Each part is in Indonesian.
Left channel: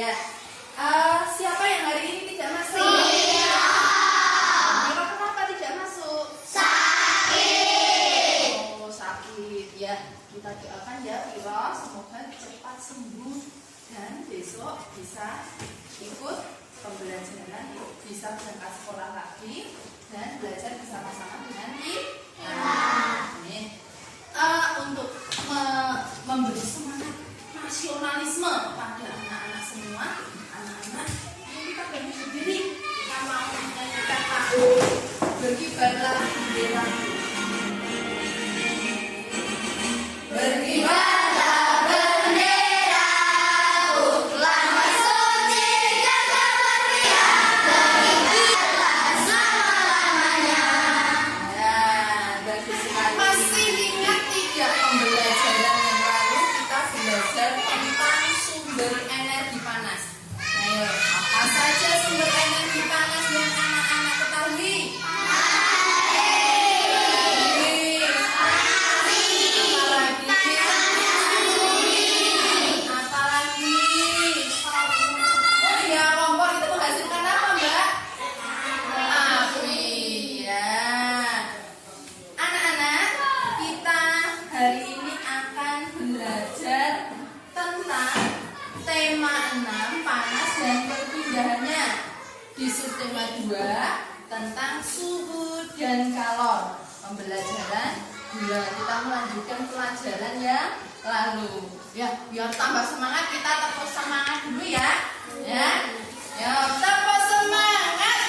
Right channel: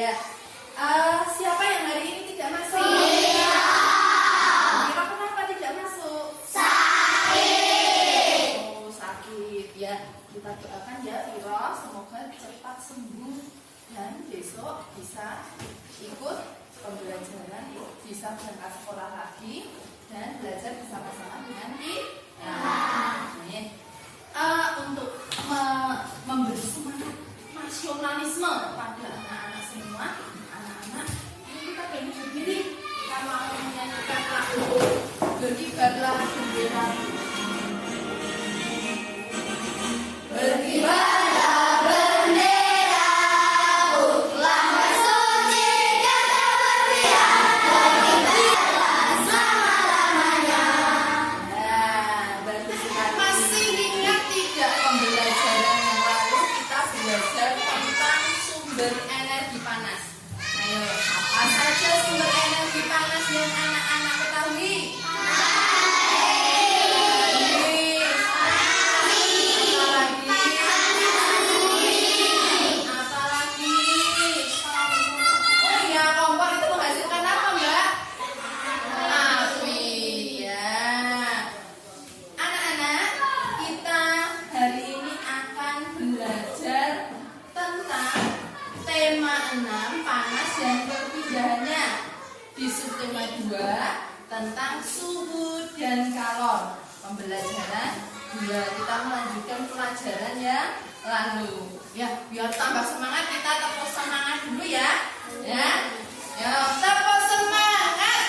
ya. Siapa yang hari ini tidak masuk? Kenapa tidak masuk? Sakit. Oh, sakit ya. Kita doakan ya Viro, semoga cepat sembuh dan besok bisa ikut pembelajaran, bisa berangkat sekolah lagi dan belajar bersama-sama dengan kita. Untuk memberi semangat nasionalisme pada anak-anak semua, anak-anak ini kita bagi berdiri, kita mau menyanyikan lagu Berkibarlah Bendera. Berkibarlah bendera, uklah suci jaga berlian, berkibarlah selama-lamanya. Nah, bagus sekali. Masih ingat tidak pembelajaran yang lalu kita belajar tentang sumber energi panas? Ayo, apa saja sumber energi panas yang anak-anak ketahui? Di subtema 2 tentang suhu dan kalor. Pembelajaran 2 kita melanjutkan pelajaran yang lalu. Ya, biar tambah semangat kita tepuk semangat dulu ya. Ya. Ya, tepuk semangat.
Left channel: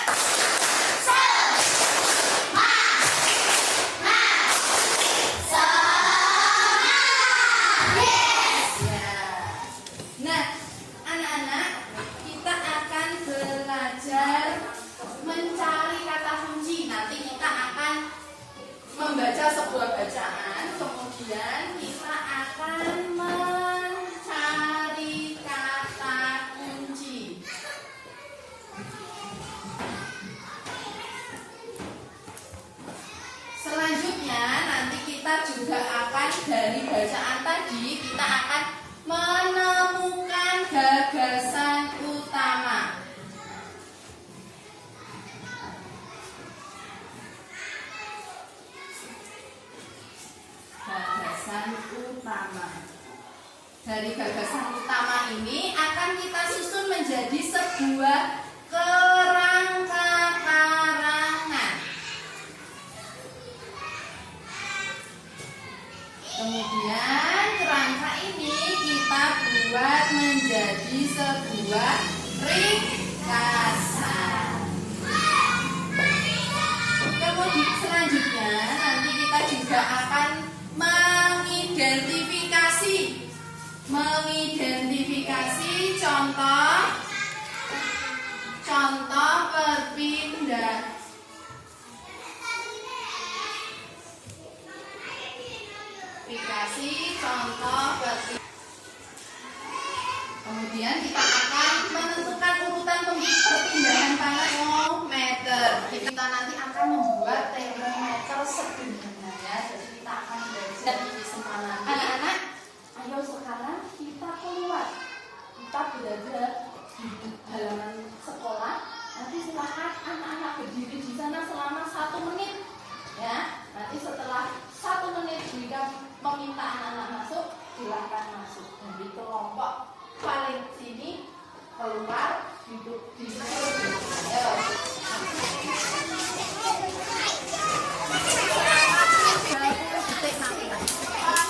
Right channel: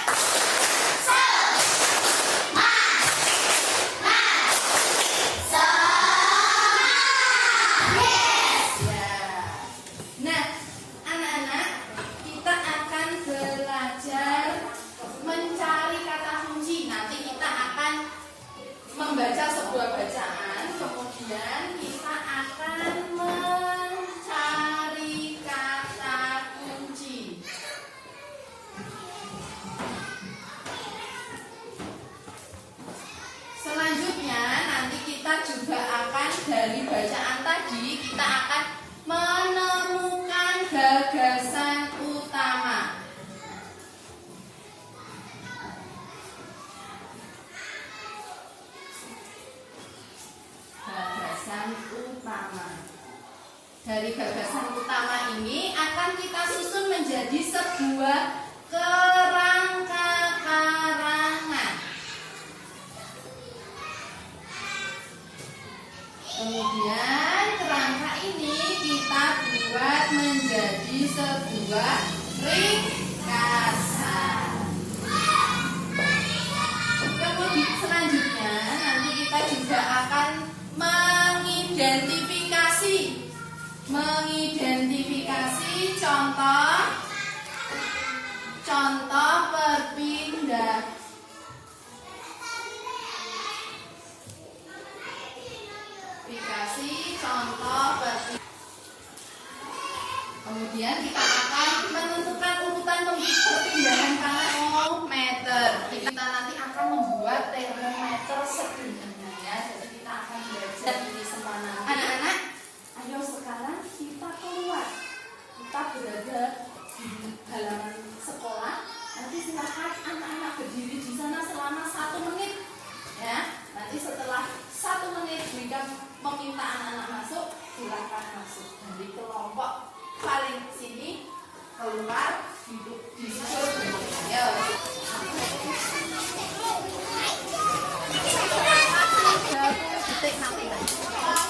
Membaca sebuah bacaan, kemudian kita akan mencari kata kunci. Selanjutnya nanti kita juga akan dari bacaan tadi kita akan menemukan gagasan utama. Dari gagasan utama ini akan kita susun menjadi sebuah kerangka karangan. Kemudian kerangka ini kita buat menjadi sebuah ringkasan. Kemudian selanjutnya nanti kita juga akan mengidentifikasi contoh perpindahan. Kemudian kita akan menentukan urutan perpindahan termometer. Kita nanti akan membuat termometer sederhana ya. Jadi kita akan belajar di sekolah nanti. Anak-anak, ayo sekarang kita keluar. Kita berada di halaman sekolah. Nanti silakan anak-anak berdiri di sana selama 1 menit. Ya, nanti setelah 1 menit jika meminta anak-anak masuk, silakan masuk dari kelompok paling sini keluar duduk di situ. Ayo.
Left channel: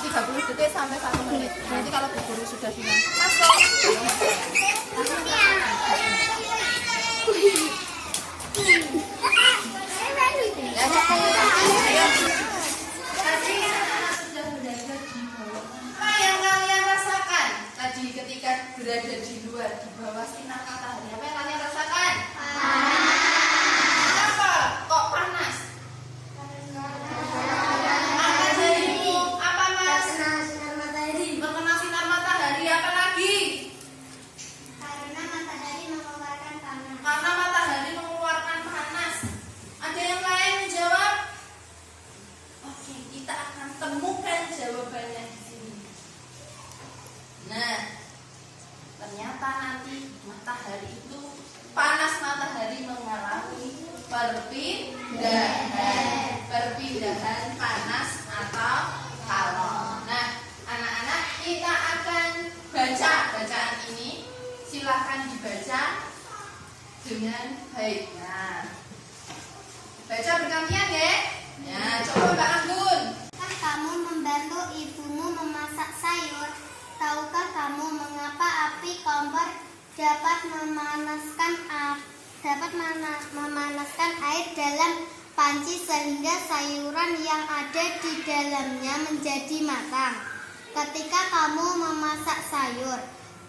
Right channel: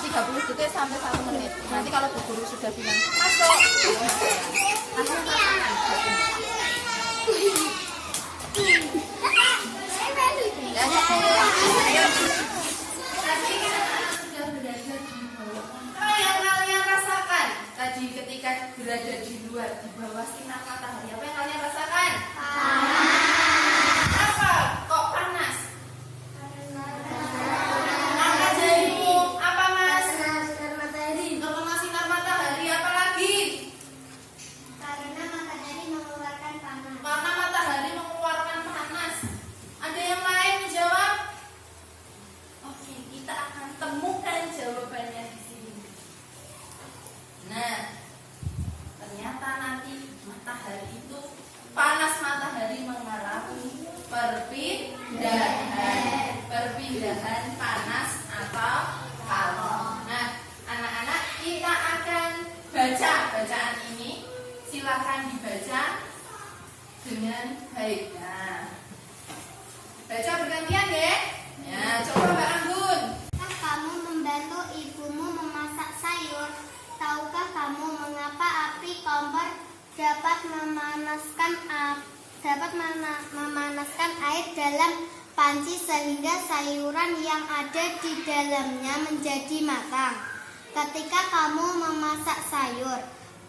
30 detik sampai 1 menit. Nanti kalau Bu Guru sudah bilang masuk, langsung ya, tadi anak-anak sudah belajar di bawah. Apa yang kalian rasakan tadi ketika berada di luar di bawah sinar matahari? Apa yang kalian rasakan? Apa? Kok panas? ternyata nanti matahari itu panas matahari mengalami perpindahan panas atau kalor. Nah, anak-anak kita akan baca bacaan ini. Silakan dibaca dengan baik. Nah, baca bergantian deh. Ya, coba Mbak Anggun. Kamu membantu ibumu memasak sayur. Tahukah kamu mengapa api kompor dapat memanaskan air dalam panci sehingga sayuran yang ada di dalamnya menjadi matang? Ketika kamu memasak sayur,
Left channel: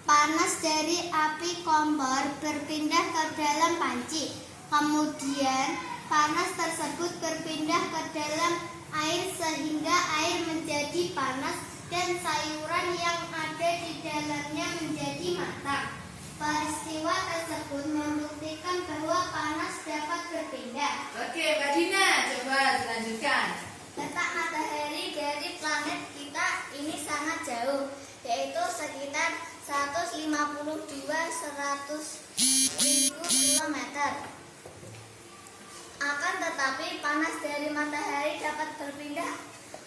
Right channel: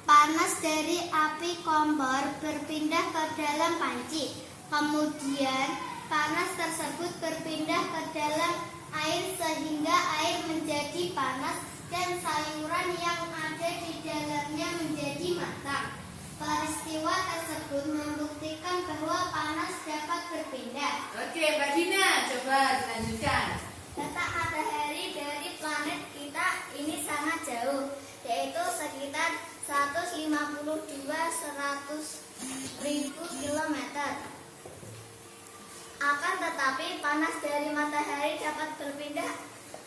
panas dari api kompor berpindah ke dalam panci. Kemudian panas tersebut berpindah ke dalam air sehingga air menjadi panas dan sayuran yang ada di dalamnya menjadi matang. Peristiwa tersebut membuktikan bahwa panas dapat berpindah. Oke, Mbak Dina, coba dilanjutkan. Letak matahari dari planet kita ini sangat jauh, yaitu sekitar 152.100.000 km. Akan tetapi panas dari matahari dapat berpindah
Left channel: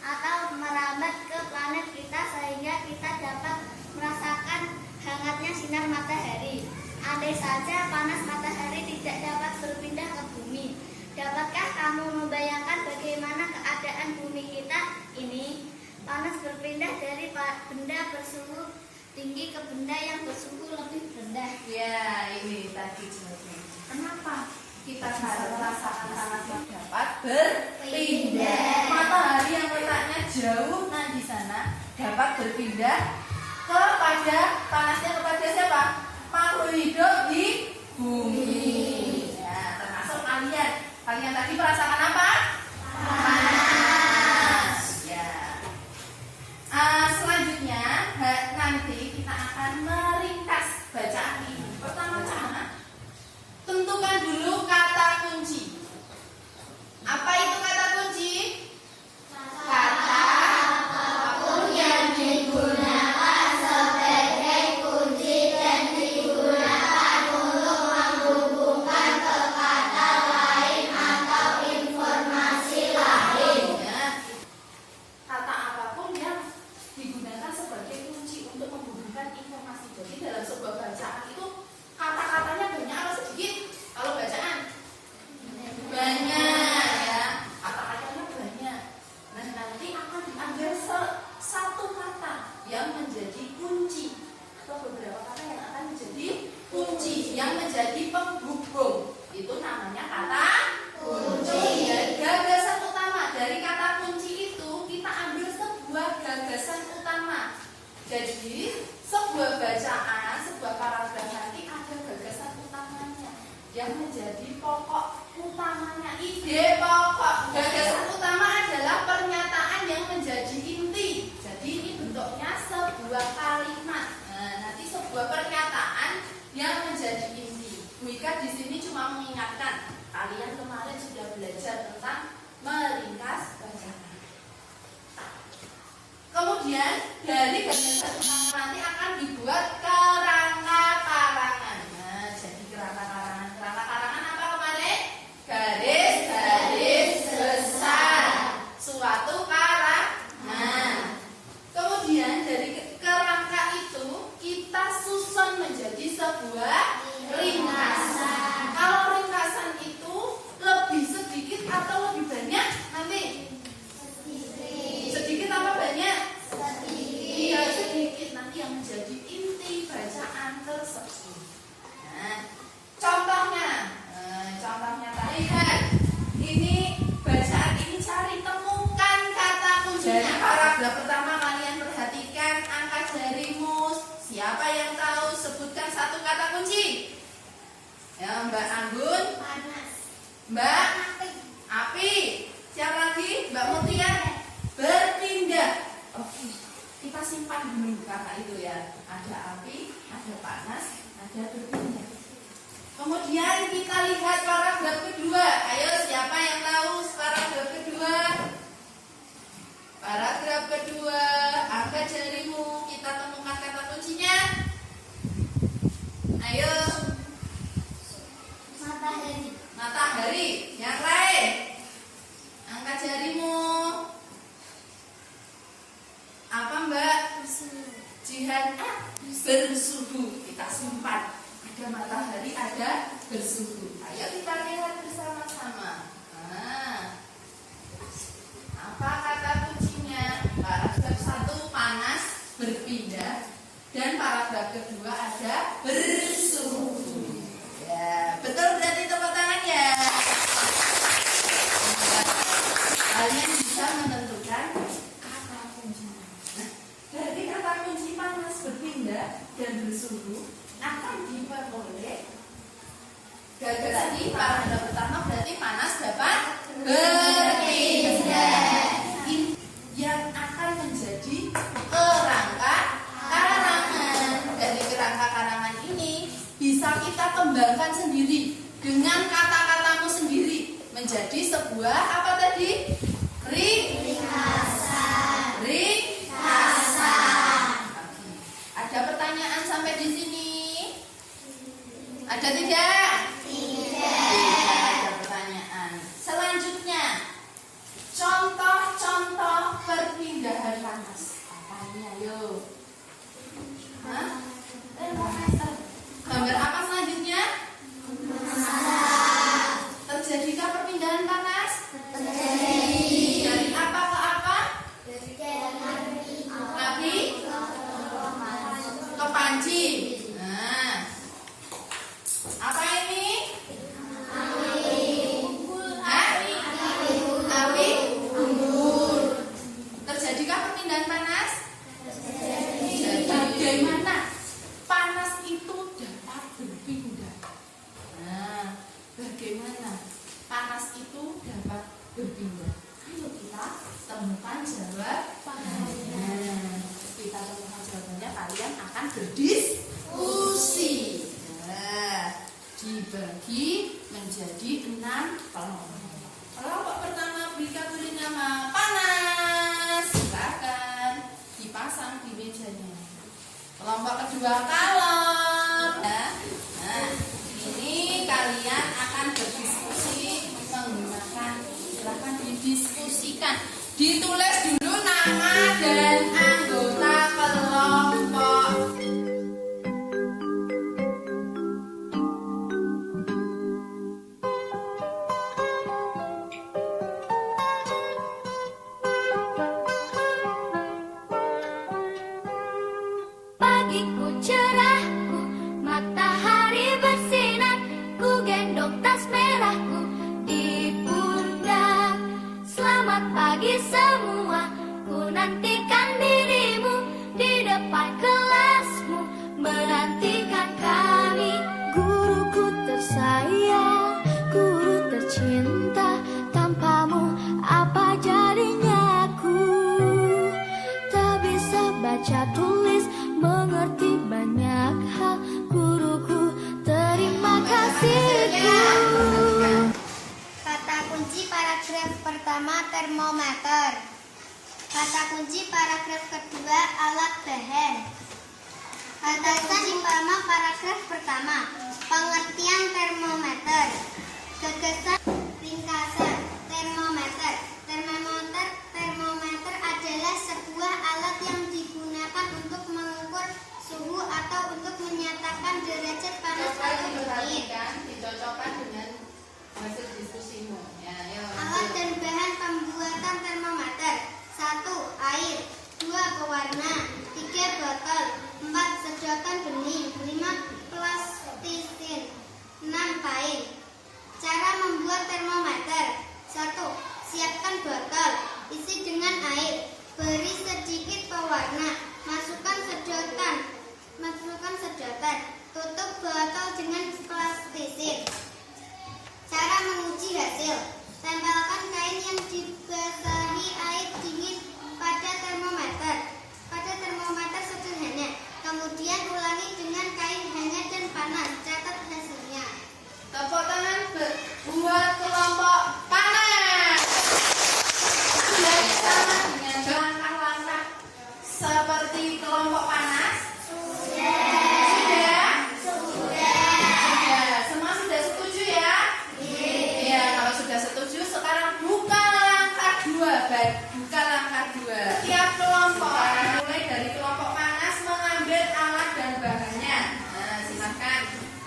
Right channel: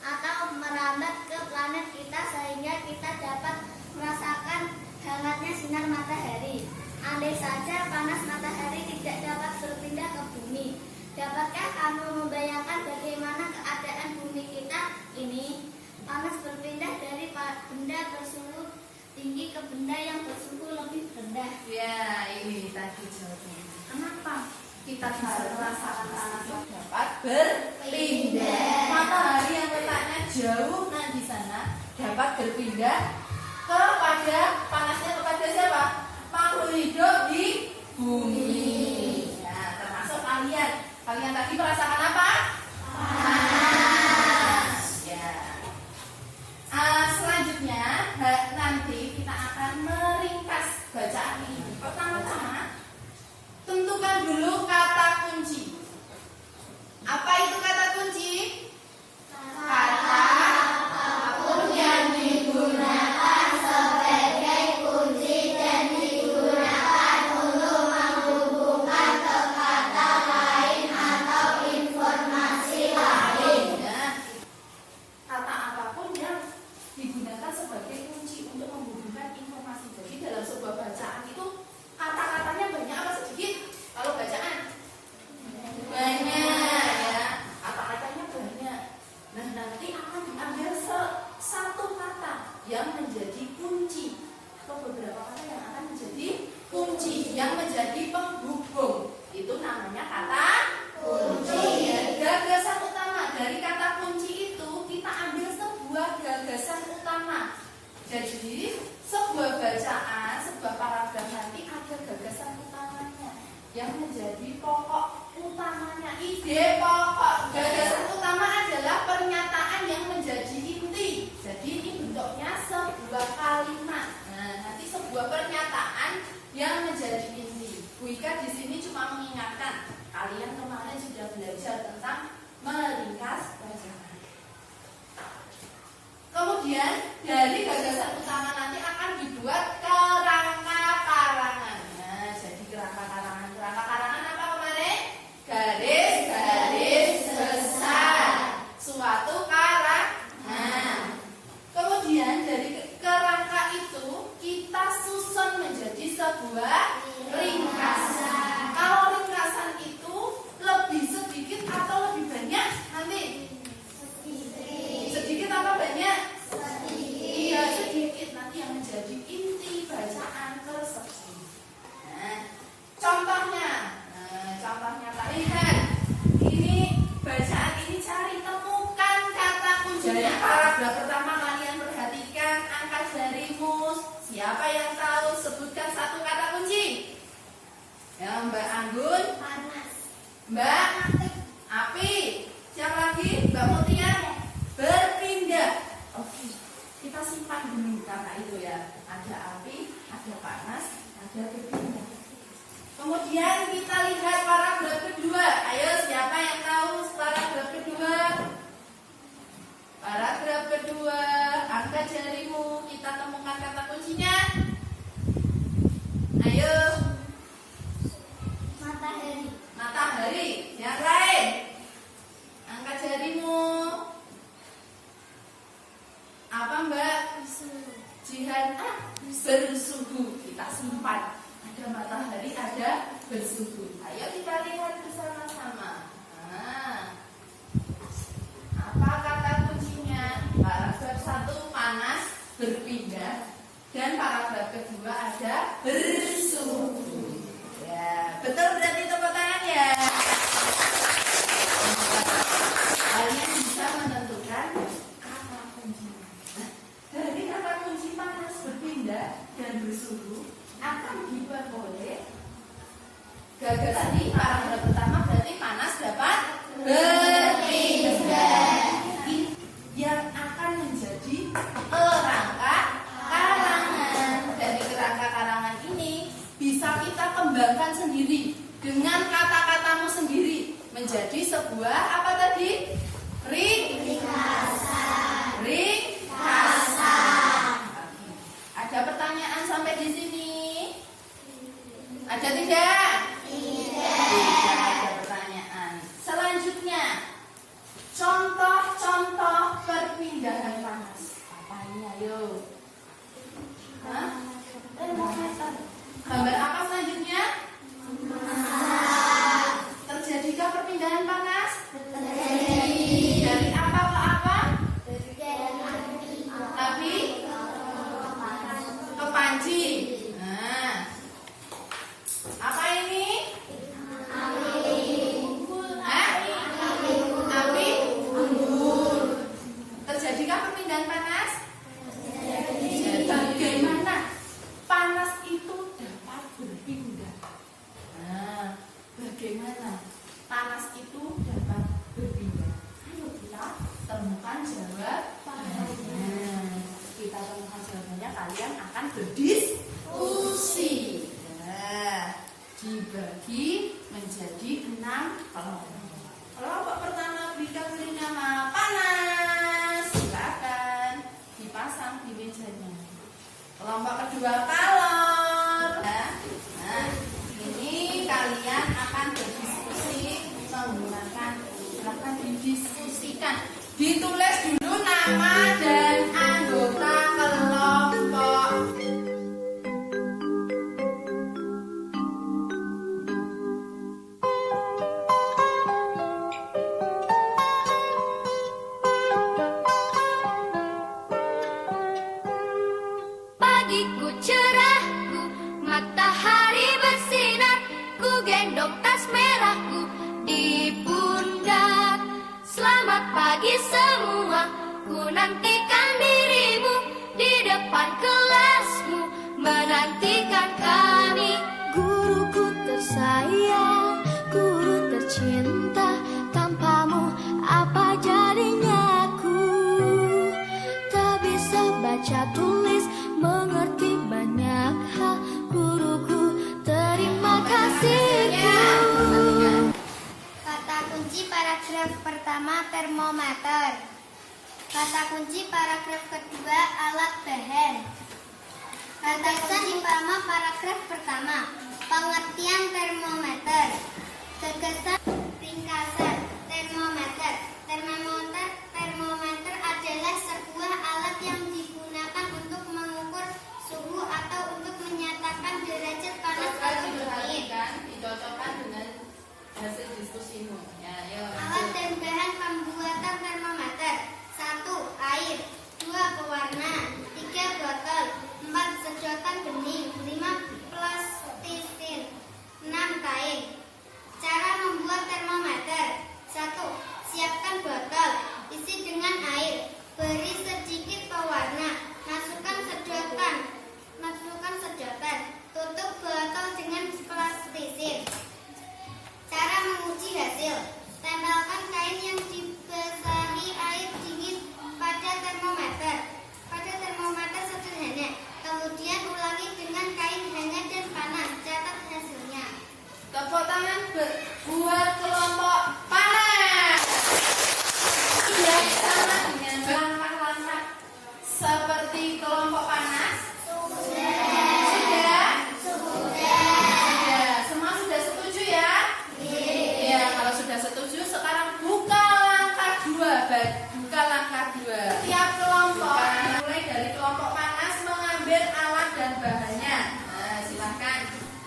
atau merambat ke planet kita sehingga kita dapat merasakan hangatnya sinar matahari. Andai saja panas matahari tidak dapat berpindah ke bumi, dapatkah kamu membayangkan bagaimana keadaan bumi kita ini? Panas berpindah dari benda bersuhu tinggi ke benda yang bersuhu lebih rendah. Ya, ini tadi jawabnya. Kenapa kita harus merasakan panas dapat berpindah? Matahari yang letaknya jauh di sana dapat berpindah kepada panasnya kepada siapa? Makhluk hidup di bumi. Ya, termasuk kalian. Kalian tadi merasakan apa? Panas. Ya. Selanjutnya nanti kita akan meringkas bacaan ini. Pertama-tama tentukan dulu kata kunci. Apa itu kata kunci? Kata apapun yang digunakan sebagai kunci dan digunakan untuk menghubungkan ke kata lain atau informasi lain. Kata apapun yang digunakan sebagai kunci untuk menghubungkan informasi. Jadi dalam sebuah bacaan itu kata-katanya banyak apa sedikit? Kalau bacaan banyak ya, kata-katanya banyak. Nah, nanti akan diambil satu kata yang menjadi kunci atau beberapa kata yang akan menjadi kunci yang menjadi penghubung. Itu namanya kata kunci. Ya, gagasan utama dari kata kunci itu kita ambil sebuah gagasan utama. Jadi sebuah bacaan, sebuah paragraf nanti ada gagasan utamanya yang menjadi pokok utamanya, ide pokok. Gagasan utama adalah pernyataan yang menjadi inti. Jadi ini bentuknya sebuah kalimat. Nah, nanti sebuah pernyataan yang menjadi inti. Bu Ika di sini cuma mengingatkan, kalian kemarin sudah belajar tentang meringkas bacaan. Kemudian dari gagasan utama nanti akan dibuat kerangka karangan. Nah, jadi kerangka karangan apa kemarin? Garis-garis besar suatu karangan. Kemudian dari kerangka itu kita susun menjadi sebuah ringkasan. Kalau ringkasan itu lebih sedikit atau lebih banyak nanti? Sedikit apa banyak? Iya, sedikit. Nanti yang menjadi inti bacaan tersebut. Nah, contohnya tadi lihat. Ini bacaan ini cari temukan kata kuncinya. Dari paragraf pertama kalian perhatikan angka jarimu. Siapa yang tahu sebutkan satu kata kunci? Ya, Mbak Anggun. Panas. Mbak Api. Siapa lagi? Mbak Mutia. Berpindah. Oke, kita simpan dulu karena itu ya. Ada api, ada panas, ada berpindah. Kemudian kita lihat paragraf kedua. Ayo, siapa yang tahu paragraf kedua? Paragraf kedua, angkat jarimu. Kita temukan kata kuncinya. bersuhu. Kita simpan. Ada matahari, ada bersuhu. Ayo kita lihat bersama-sama. Nah, apa kata kuncinya? Paragraf 1 panas berpindah dan paragraf kedua ada bersuhu. Ya, betul berarti tepuk tangan ya. Kalian bisa menentukan kata kuncinya. Nah, dari kata kunci panas berpindah dan bersuhu akan diperoleh gagal tadi paragraf pertama berarti panas dapat berpindah yang akan menjadi kerangka karangan. Dari kerangka karangan ini bisa kita kembangkan sendiri dengan kata-katamu sendiri menjadi sebuah apa tadi? Ringkasan. Ada pertanyaan sampai di sini? Ada tidak? Tidak ada pertanyaan. Selanjutnya, contoh-contoh perpindahan panas. Apanya yuk? Termometer. Gambar apa selanjutnya? Terjadikah perpindahan panas? Dari apa ke apa? Api ke panci. Nah, apa ini? Api unggun. Terjadikah perpindahan panas? Bagaimana panas itu dapat berpindah? Nah, bagaimana panas itu dapat berpindah? Ayo kita temukan jawabannya. Kita temukan jawabannya, kalian akan berdiskusi. Nah, dibagi menjadi 6 kelompok. Kelompok pertama beri nama panas. Silakan dipasang di mejanya. Kelompok kedua kalor. Nah, ini kalian akan berdiskusi menggunakan, silakan didiskusikan. Ditulis dulu nama dan anggota kelompok. Pagiku cerahku, matahari bersinar, ku gendong tas merahku di pundak. Selamat pagi semua, ku nantikan dirimu di depan kelasmu, menantikan kami. Guruku tersayang, guru tercinta, tanpamu apa jadinya aku? Tak bisa baca tulis, mengerti banyak hal, guruku terima kasihku. Kata kunci paragraf pertama termometer. Kata kunci paragraf kedua alat bahan. Kata kunci pertama paragraf pertama pengertian termometer. Gagasan ringkasan termometer. Termometer adalah sebuah alat yang digunakan untuk mengukur suhu atau untuk menyatakan derajat panas atau dingin. Diperhatikan, dicocokkan dengan hasil diskusimu. Ya, yuk. Alat dan bahan pembuatan termometer: 1. Air, 2. Pewarna, 3. botol, 4. sedotan bening, 5. plastisin, 6. taing. Cara membuat termometer: 1. Siapkan botol, isi dengan air, beri sedikit pewarna, masukkan sedotan, tutup botol dengan plastisin. Cara menguji hasil: tempelkan kain yang dibasahi air dingin pada termometer sederhana, kemudian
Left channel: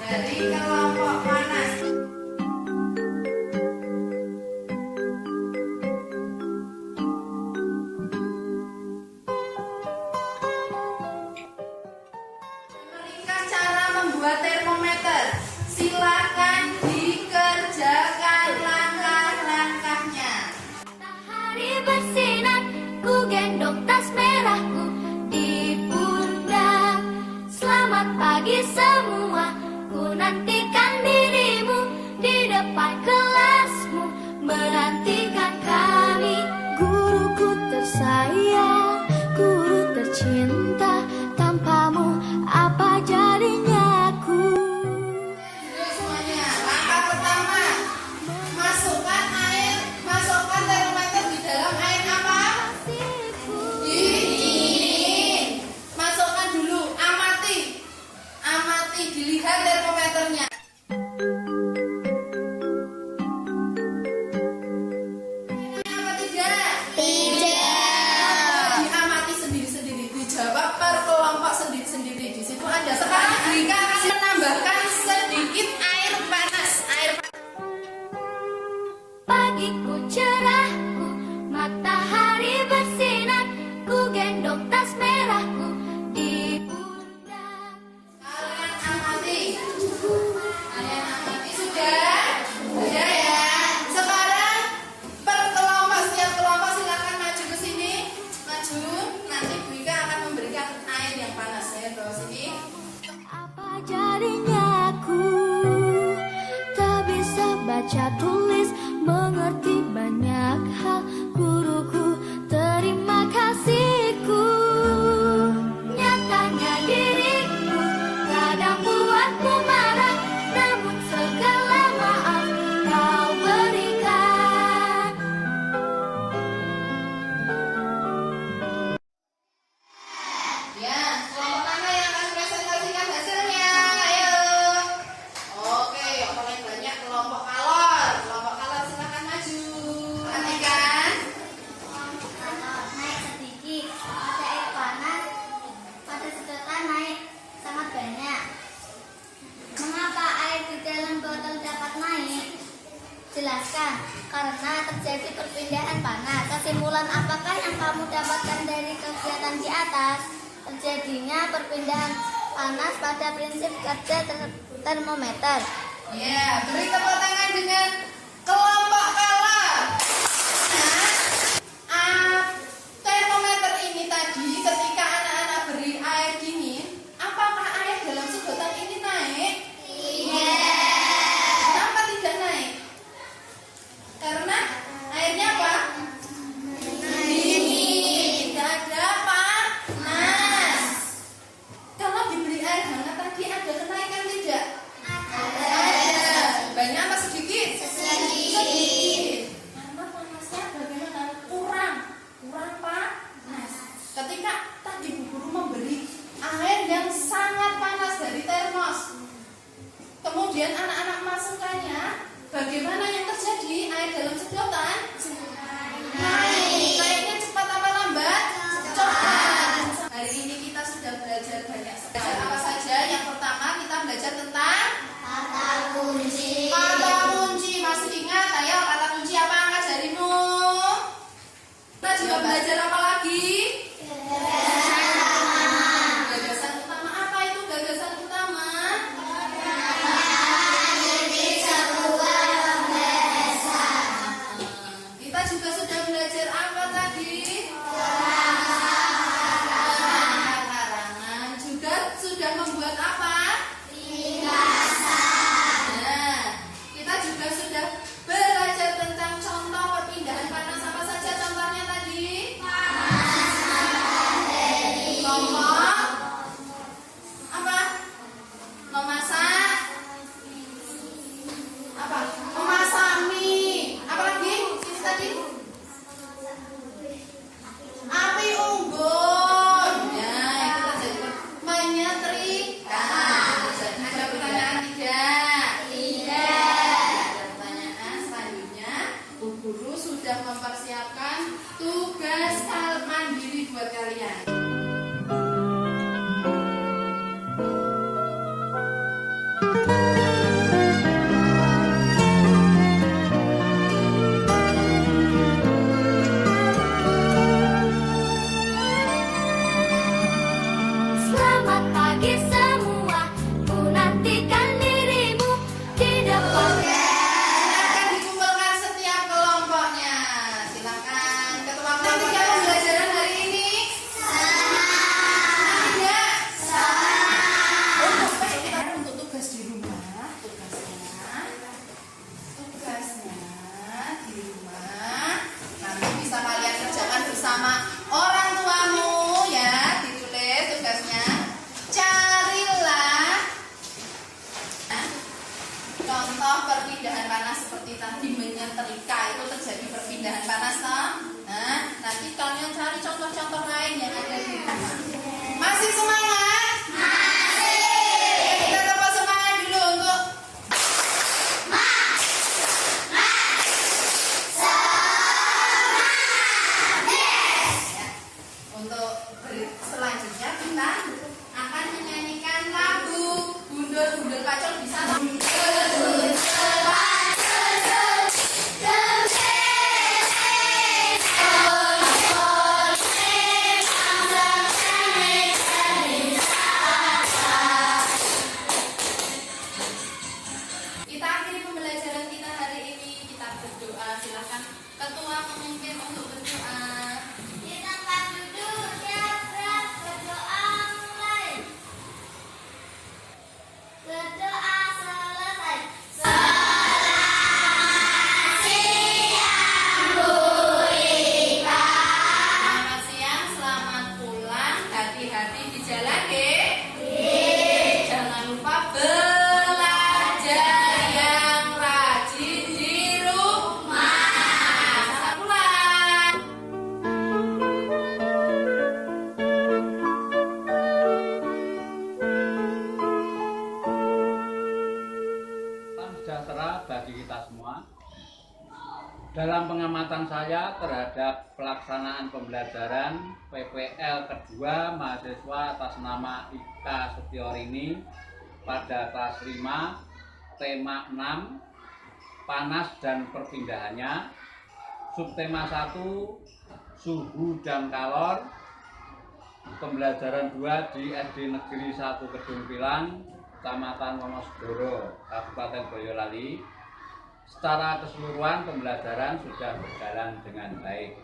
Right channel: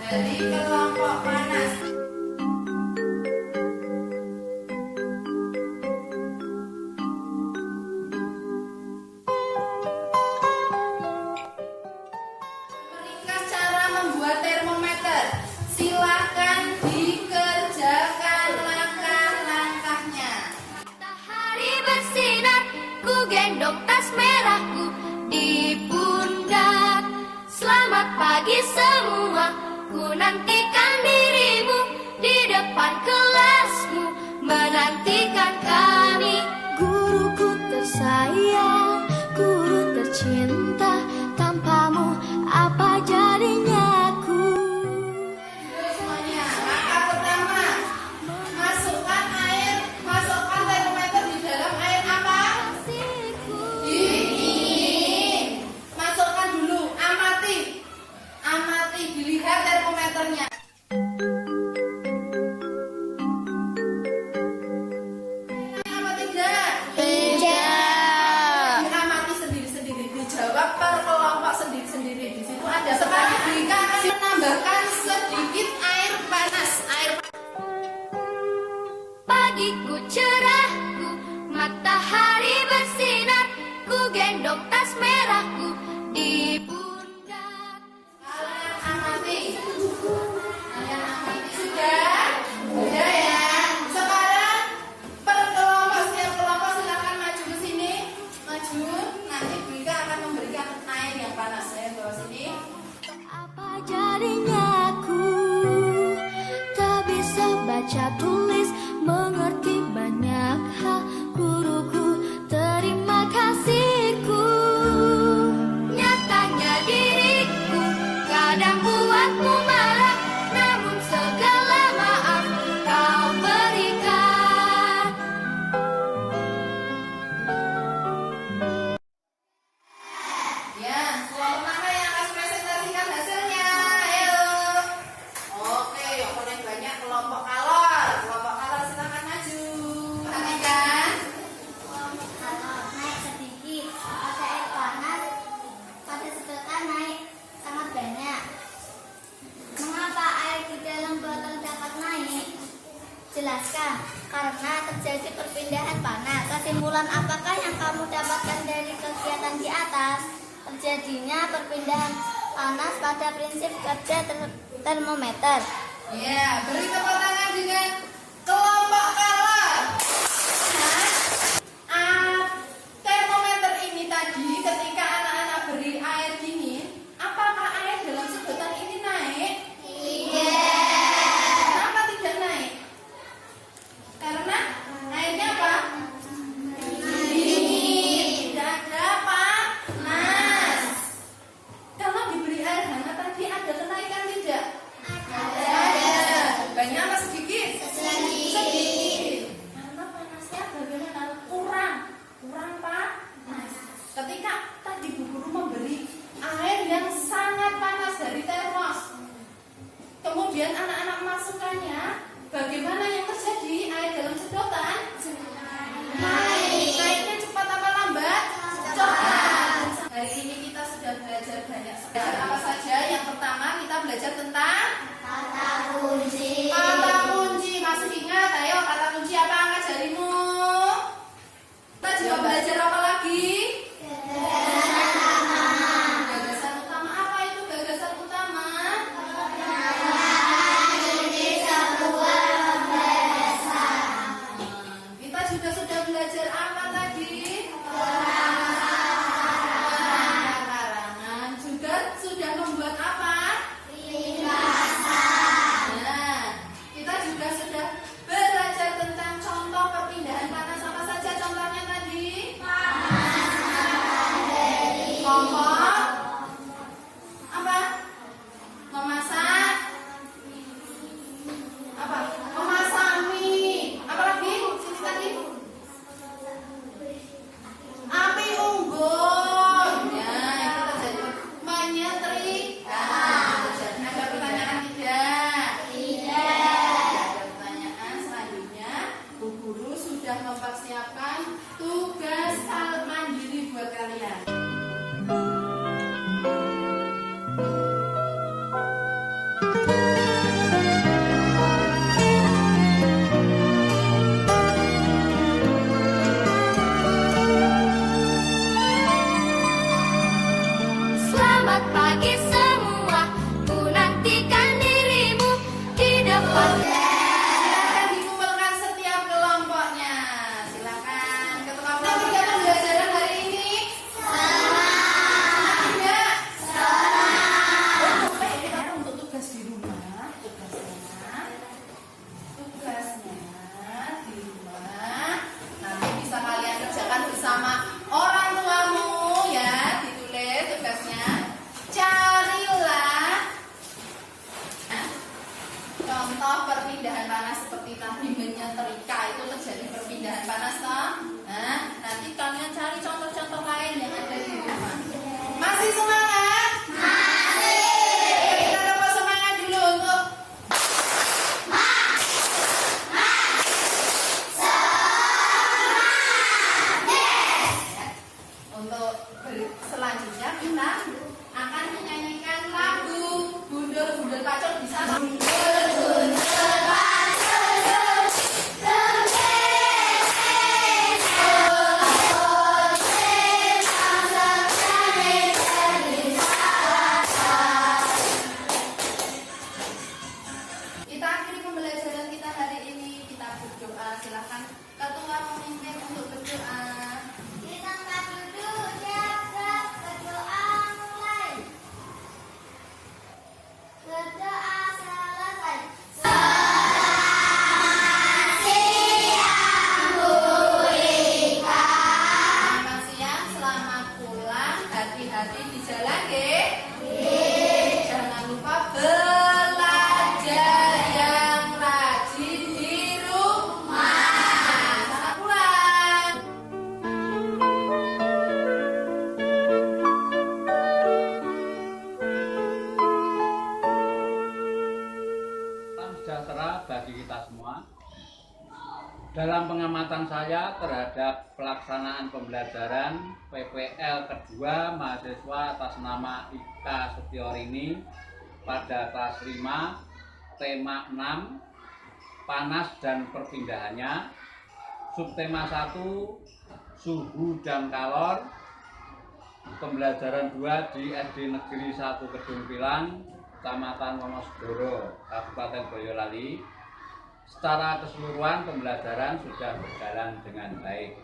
dari kelompok panas. Ringkas cara membuat termometer. Silakan dikerjakan langkah-langkahnya. Matahari bersinar, ku gendong tas merahku di pundak. Selamat pagi semua, ku nantikan dirimu di depan kelasmu, menantikan kami. Guruku tersayang, guru tercinta, tanpamu apa jadinya aku? Dulu semuanya. Langkah pertama, masukkan termometer di dalam air apa? Dingin. Masukkan dulu, amati, dilihat termometernya. Apa tidak? Tidak. Diamati sendiri-sendiri, dijawab per kelompok sendiri-sendiri. Di situ ada sekarang Grika akan menambahkan sedikit air panas. Pagiku cerahku, matahari bersinar, ku gendong tas merahku di pundak. Kalian amati. Sudah? Sudah ya. Sekarang per kelompok, setiap kelompok silakan maju ke sini. Maju. Nanti Bu Ika akan memberikan air yang panas ya. Bawa sini. Apa jadinya aku tak bisa baca tulis, mengerti banyak hal. Guruku, terima kasihku. Nyatanya diriku kadang buatmu marah, namun segala maaf kau berikan. Ya, kelompok mana yang akan presentasikan hasilnya? Ayo. Oke, paling banyak kelompok kalor. Kelompok kalor silakan maju. Perhatikan. Kalau naik sedikit, pada air panas, pada sedotan naik sangat banyak. Mengapa air di dalam botol dapat naik? Jelaskan, karena terjadi perpindahan panas. Kesimpulan apakah yang kamu dapatkan dari kegiatan di atas? Terjadinya perpindahan panas pada prinsip kerja termometer. Ya, beri tepuk tangan dengan kelompok kalor. Nah, termometer ini tadi ketika anak-anak beri air dingin, apakah air dalam sedotan ini naik? Tidak. Kenapa tidak naik? Karena airnya apa? Dingin. Tidak ada panas. Kalau diberi air hangat tadi ada kenaikan tidak? Ada. Banyak apa sedikit? Sedikit. Karena panasnya bagaimana? Kurang panas. Ketika tadi Bu Guru memberi air yang sangat panas dari termos, kemudian anak-anak masukkannya, bagaimana yang terjadi? Air dalam sedotan naik. Naiknya cepat apa lambat? Cepat. Hari ini kita sudah belajar banyak sekali. Apa saja? Yang pertama kita belajar tentang Kata kunci. kata kunci. Masih ingat? Ayo, kata kunci apa angkat jarimu? Kita juga belajar apa lagi? Gagasan utama. Apa itu gagasan utama? Kita juga sudah belajar apa tadi? Karangan. Juga sudah membuat apa? Nah, kita juga sudah belajar tentang contoh perpindahan panas. Apa saja contohnya tadi? Panas. Selamat pagi semua, ku nantikan dirimu di depan. Silakan dikumpulkan setiap kelompoknya. Silakan ketua kelompok yang pembelajaran hari ini. Senang enggak? Senang. Kita untuk tugas di rumah, tugasnya di rumah. Nanti bisa kalian kerjakan bersama orang tuamu ya. Ditulis tugasnya. Carilah contoh perpindahan panas seperti tadi menyetrika itu terjadi perpindahan panas toh. Nah, nanti kalian cari contoh-contoh lain yang ada di rumah. Masih semangat? Masih. Kita coba semangat dulu untuk selanjutnya kita akan menyanyikan lagu Gundul-gundul pacul. Bisa kita akhiri pembelajaran kita hari ini. Kita berdoa. Silakan ketua pemimpin untuk berdoa. Di tempat duduk siap berdoa mulai. Berdoa selesai. Selamat siang, selamat pulang. Hati-hati di jalan, Dek. Jangan lupa belajar yang rajin di rumah. Selamat pulang. Salam sejahtera bagi kita semua. Dalam pengamatan saya terhadap pelaksanaan pembelajaran PPL kedua mahasiswa atas nama Ika Setiorini pada kelas 5, tema 6, panas dan perpindahannya, subtema 1, suhu dan kalor, pembelajaran 2 di SD Negeri 1 Kedung Pilang, Kecamatan Wonosegoro, Kabupaten Boyolali. Secara keseluruhan pembelajaran sudah berjalan dengan baik.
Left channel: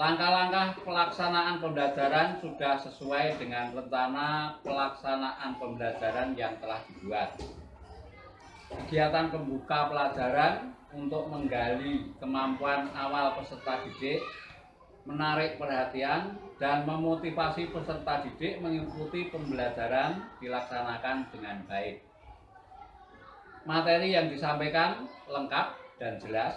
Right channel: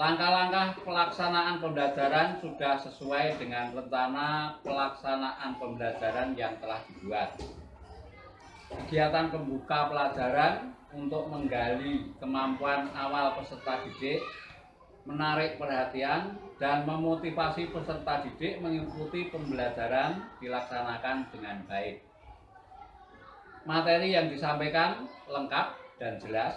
Langkah-langkah pelaksanaan pembelajaran sudah sesuai dengan rencana pelaksanaan pembelajaran yang telah dibuat. Kegiatan pembuka pelajaran untuk menggali kemampuan awal peserta didik, menarik perhatian, dan memotivasi peserta didik mengikuti pembelajaran dilaksanakan dengan baik. Materi yang disampaikan lengkap dan jelas.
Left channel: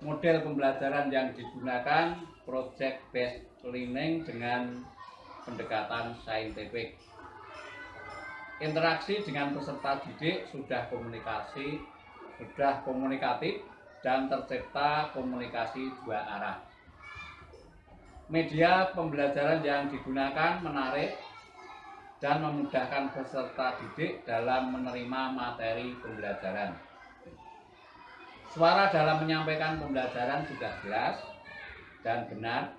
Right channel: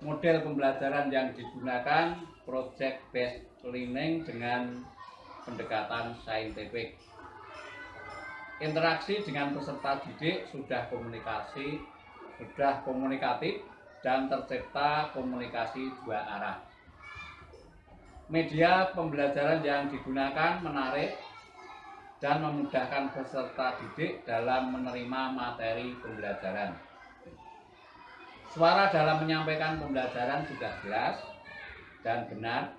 Model pembelajaran yang digunakan project based learning dengan pendekatan saintifik. Interaksi dengan peserta didik sudah komunikatif dan tercipta komunikasi dua arah. Media pembelajaran yang digunakan menarik dan memudahkan peserta didik dalam menerima materi pembelajaran. Suara dalam menyampaikan pembelajaran sudah jelas dan benar,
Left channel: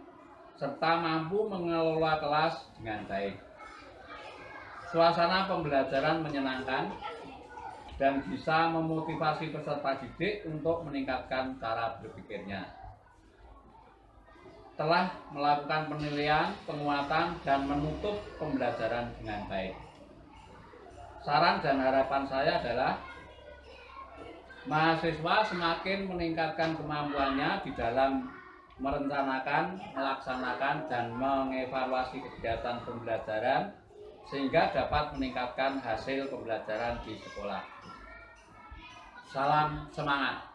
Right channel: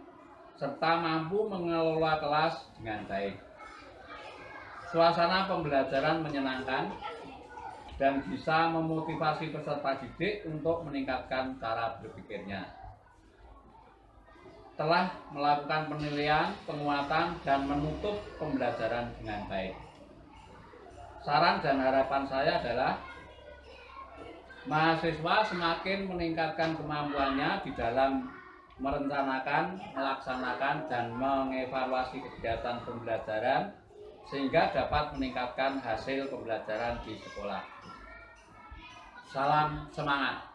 serta mampu mengelola kelas dengan baik. Suasana pembelajaran menyenangkan dan bisa memotivasi peserta didik untuk meningkatkan cara berpikirnya. Telah melakukan penilaian, penguatan, dan menutup pembelajaran dengan baik. Saran dan harapan saya adalah mahasiswa semakin meningkatkan kemampuannya di dalam merencanakan, melaksanakan, dan mengevaluasi kegiatan pembelajaran sehingga dapat meningkatkan hasil pembelajaran di sekolah. Salam semangat!